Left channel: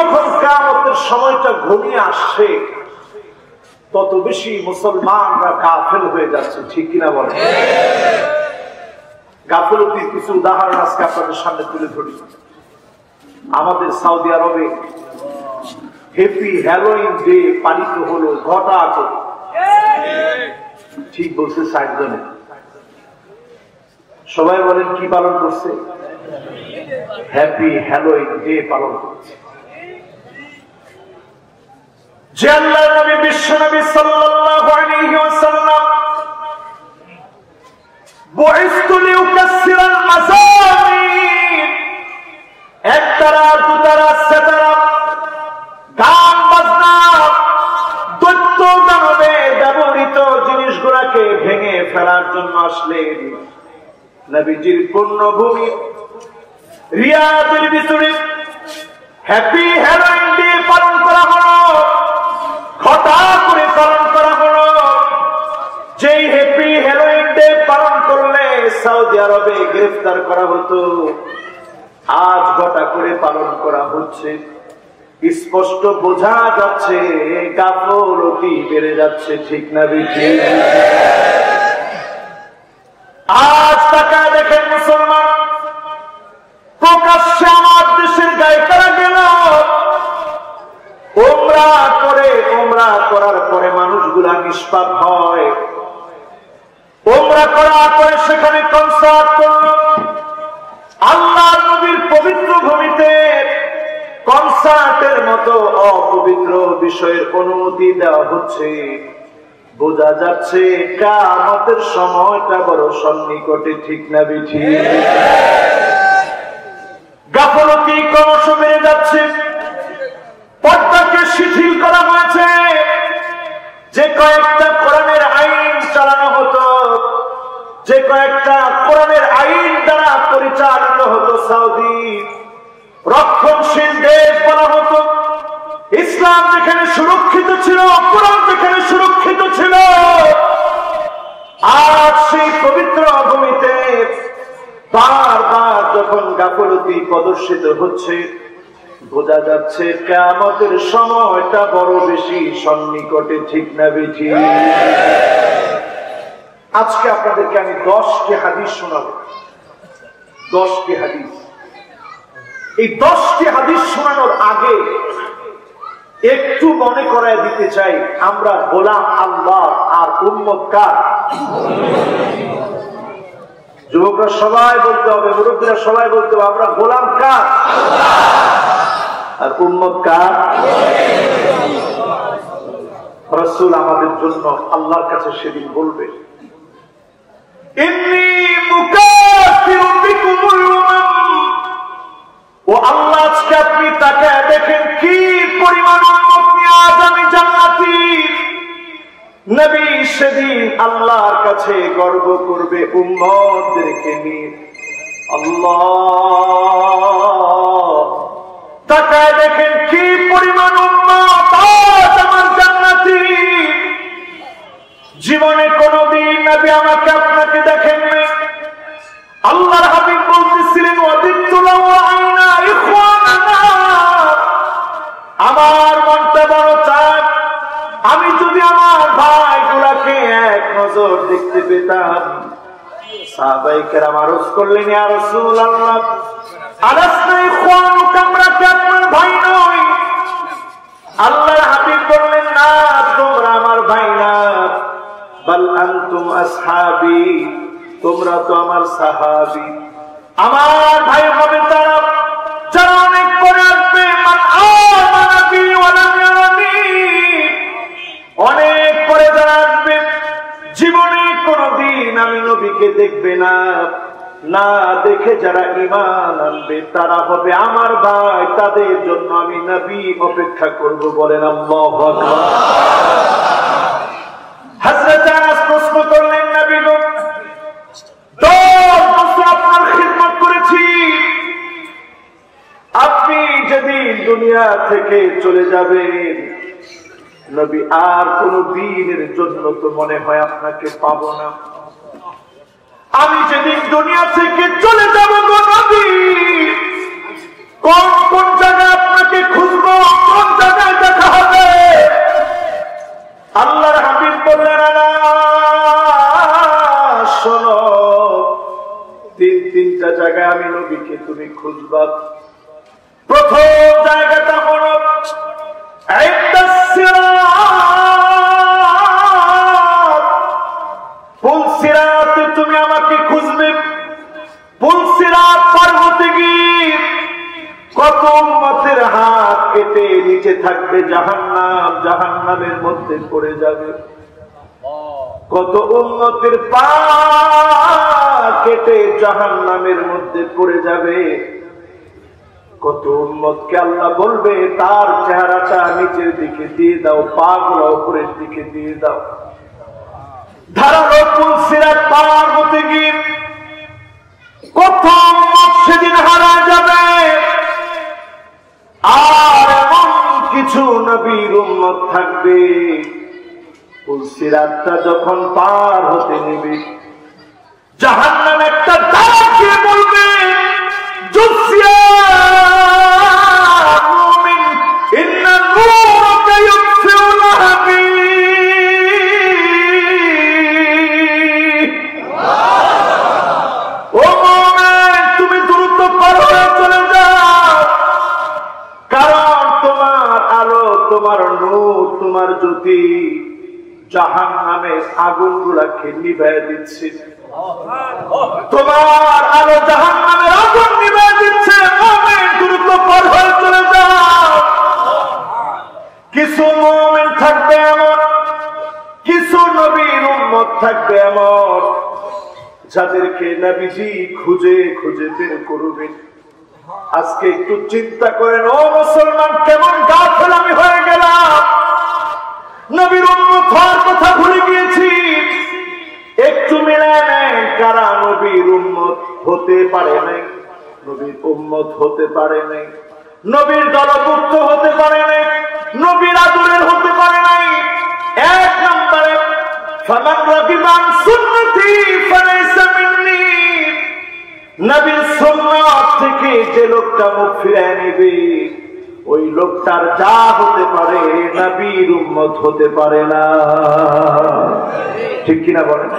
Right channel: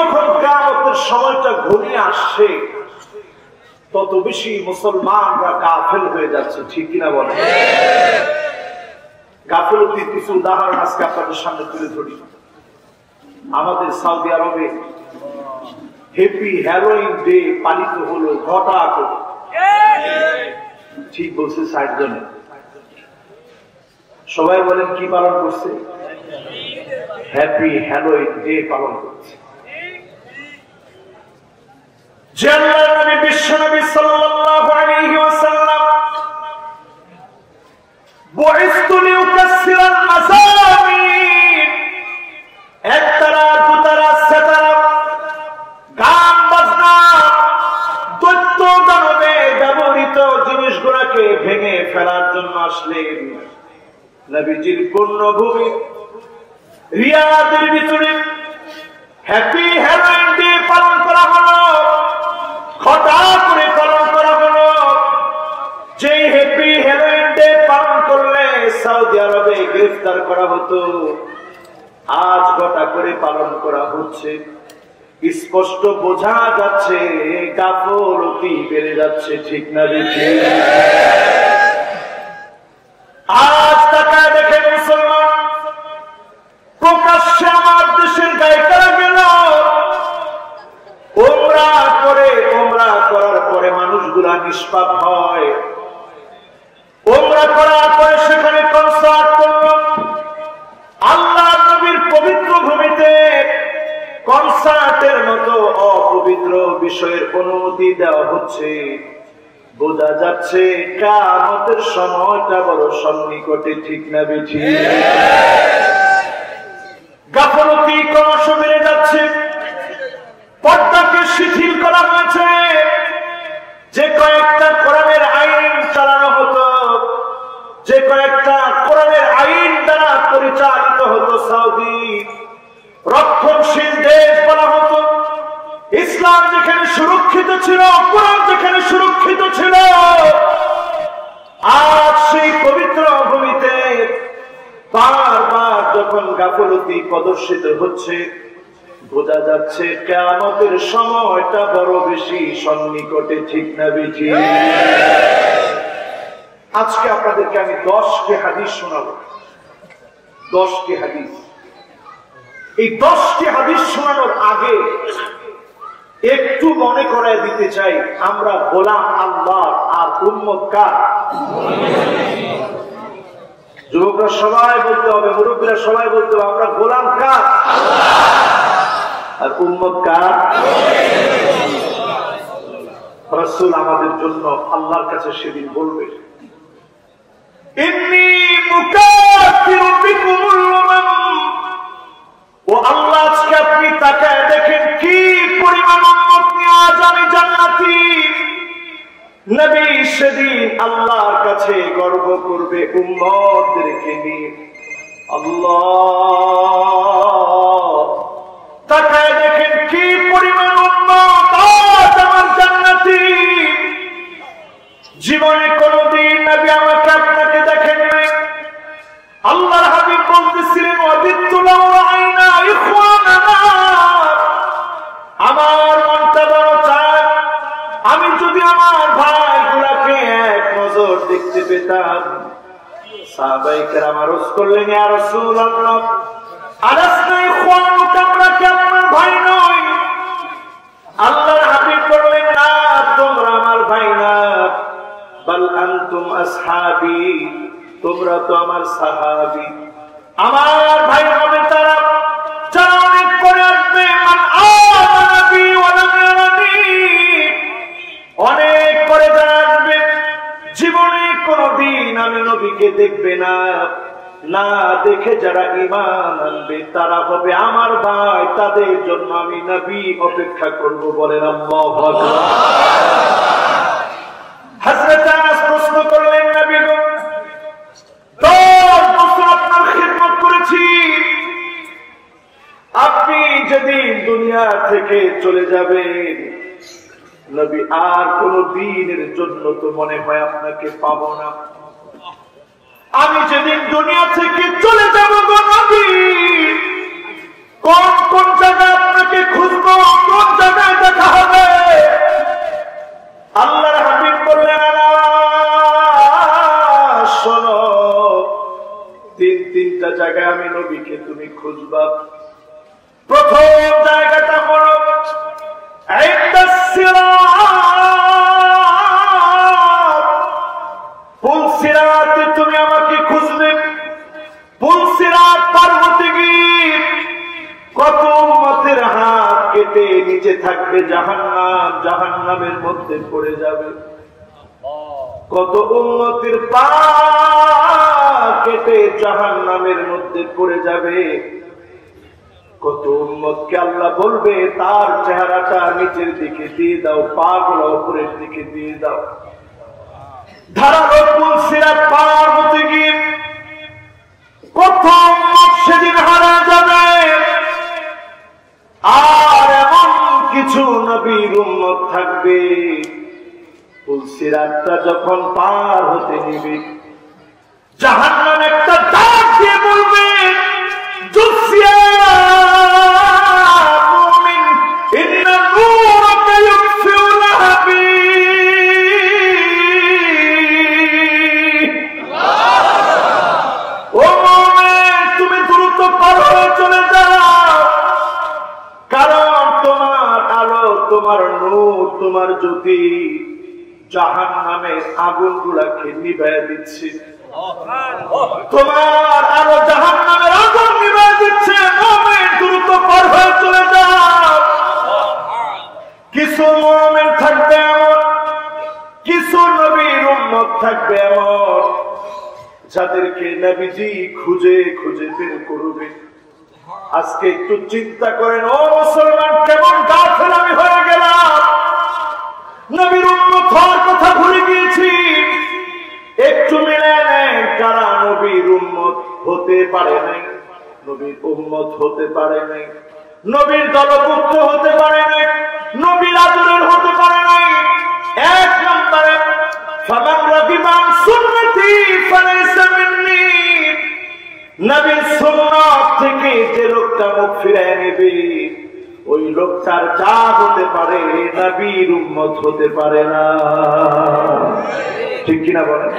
যখন কিয়ামতের সময়টা ঘনিয়ে আসছে তত বেশি মুসলমানরা গাফেল হয়ে যাচ্ছে, ঠিক কিনা বলেন? গাফলতির কিছু উদাহরণ আজকে আপনাদের সামনে তুলে ধরি। আমাদের সৌদি আরবে হ্যাপি হ্যালোইন ডে পালিত হলো ঘটা করে। ঠিক বলছে ৬০ জনে। সবাই বলেন কি পালন করছে? হ্যাপি হ্যালোইন ডে পালন করছে। যে আল্লাহর নবী বিশ্বনবী সাল্লাল্লাহু আলাইহি ওয়াসাল্লাম বুইসতু লিউকাসসিরাল মাসামির, একতারা দুতারা সেতারা গান বাজনা দৈত্য দানবে ব্যবহৃত জিনিসগুলোকে ভেঙে ফেলার জন্য আসলেন। নবীজির পূর্ণভূমি রিয়াদের ভিতরে হ্যাপি হ্যালোইন ডে পালন করা হলো, ঘটা করে পালন করা হলো। যেই হ্যাপি হ্যালোইন ডে পালন করলে সৌদি আরবে গ্রেফতার করা হতো, আজ ঘটা করে পালন করা হচ্ছে। স্পষ্ট বোঝা যাচ্ছে গাফলতি বেড়ে যাচ্ছে, ঠিক না বেঠিক? আজ তাকায় দেখেন মুসলমান, প্রকাশ্যে আমার দেশের গায়িকারা গেল ওমরা করে, ওমরা করার পরে মানুষগুলা নিষ্পাপ হয়। ওমরা করার পরে সেখানে কনসার্ট করল। আল্লাহ নবীর পবিত্র ভূমিতে কনসার্টের মতো অপবিত্র বিষয়ের অনুমতি দেওয়া হচ্ছে। বোঝা যাচ্ছে কিয়ামতের সময়টা বড় সন্নিকটে, ঠিক না বেঠিক? গাফলতি ক্রমশ বেড়ে যাচ্ছে। পর্দাকে শিথিল করা হয়েছে। যে কয়েকটা কোরআনের আইন চালানো হতো, যে কয়েকটা কোরআনের আইন দ্বারা পরিচালিত হতো সৌদি, রক্ষণশীল দেশ বলা হতো। ইসলাম যেখানে সুরক্ষিত ছিল, কোরআন যেখানে সুরক্ষিত ছিল, আজ সেই পবিত্র ভূমিতে বারবার যখন গাফলতি প্রদর্শিত হচ্ছে, বোঝা যাচ্ছে কিয়ামতের সময়টা বড় বেশি সন্নিকটে, ঠিক না বেঠিক? আজকে আপনাদেরকে আমি 10টি হাদিস শোনাবো। 10টি হাদিস। এই 10টি হাদিস শোনানোর আগে একটু মনে করায় দিতে চাই, আমরা গোলাম আল্লাহর আর উম্মত কার? যুবকরা সবাই বলতে হবে, মুরব্বীরা সবাই বলতে হবে, আমরা গোলাম কার আর উম্মত কার? রাসূল আমাদের জন্য আল্লাহর কাছে সেদিন বলবে, ইন্নী মুকাফিরু বিকুমুল উমাম। ও আল্লাহ, আজকে আপনি তাকায় দেখেন কি পরিমাণ উম্মত নিয়ে আজ আমি জান্নাতি। নবী সেদিন আল্লাহর কাছে গর্ব করবে উম্মতদেরকে নিয়ে। আল্লাহ, তাকায় দেখেন কি পরিমাণ উম্মত আজ আমার জান্নাতি। জীবনে কোনদিন নবী আমাকে আপনাকে দেখেন নাই। আল্লাহর হাবিব বলতেছিলেন, ওয়াদিতু লাউ রাআইনা ইখওয়ানানা, আমার মনটা বড় চায় আমি যদি আমার ভাইগুলাকে এক নজর দেখতে পেতাম। সাহাবায়ে কেরাম আরজ করলেন, ইয়া রাসূলুল্লাহ, আলাসনা ইখওয়ানুকা, আমরা কি আপনার ভাই নই? আল্লাহর হাবিব বললেন, না, তোমরা আমার ভাই না, বাল আনতুম আসহাবি, তোমরা তো আমার সাহাবী। আমার ভাই হবে তারা যারা অনেক পরে আসবে, মান আমানা বি ওয়া লাম ইয়ারানি, অনেক পরে যারা আসবে, জীবনে কোনদিন আমি নবীকে দেখবে না, না দেখে যারা ঈমান আনবে তারা হবে আমার ভাই, তাদের জন্য আমি নবী অপেক্ষা করব। বলেন আল্লাহু আকবার। হযরত আনাস প্রশ্ন করলেন, নবী গো, 10 বছর আপনার খিদমত করেছি, আপনি যেদিন দুনিয়া থেকে চলে যাবেন, নবী আর কোন দিনের জন্য তো মনে হয় আপনাকে পাবো না। আমি যেদিন দুনিয়া থেকে চলে যাব গো নবী, কোন কোন জায়গায় আপনাকে খুঁজবো, তিনটা জায়গায় আমি নবীকে তুমি খুঁজবা। প্রথম জায়গাটা হলো পুলসিরাতে তুমি আমাকে খুঁজবে। পুলসিরাত পার হতে গিয়ে কত উম্মতের হাত কেটে নিচে থাকবে জাহান্নাম, জাহান্নামের মধ্যে পড়ে যাবে। কত উম্মতের পা কেটে জাহান্নামের মধ্যে পড়ে যাবে। কত উম্মতকে আল্লাহ বলবে তার চেহারাটা নিচের দিকে দিয়ে দাও, পা গুলো উপরের দিকে দিয়ে দাও। ধারালো পুলসিরাত পার হতে গিয়ে কত উম্মত সেদিন হারা যাবে। আর এমন কিছু নবীর উম্মত থাকবে পুলসিরাতটা যখন পার হতে নিবে, জাহান্নাম একটা ডাক দিয়ে বলবে, জুসিয়া মুমিন ইন্না নূরাকা ইউতফিউ লাহাবি। ও মুমিন, তুমি দ্রুত পার হয়ে চলে যাও, কারণ তোমার আলো, তোমার নূর, তোমার জ্যোতি জাহান্নামের আগুন গুলাকে নিভাইয়া দিচ্ছে। তোমার আলো জাহান্নামের আগুন নিভাইয়া দিচ্ছে। মুমিন দ্রুত পার হয়ে চলে যাও। কিছু মুমিন থাকবে এমন, কিছু নবীর উম্মত থাকবে এমন, যাদেরকে নবীজি খুঁজে খুঁজে বের করবে। আজকে একটু চিন্তা করেন ও মুসলমান, কেমন গাফেল আমি হয়ে গেলাম। নবীর উম্মত হওয়ার কথা ভুলে গিয়েছি। একটু মিলে নেন, কারা নবীর উম্মত হতে পারে নাই, নবীর উম্মত হতে পারে নাই, নবীর দলভুক্ত হতে পারে নাই, নবীর আদরের হতে পারে নাই। এক নম্বরে ফামান রাগিবা আন সুন্নতি ফালাইসা মিন্নি। নবীর সুন্নাত থেকে যে লোকটা মুখ ফিরিয়ে নেবে, ওই লোকটার যা হতে পারে নবীর উম্মত হতে পারে না। ঠিক কিনা বলেন?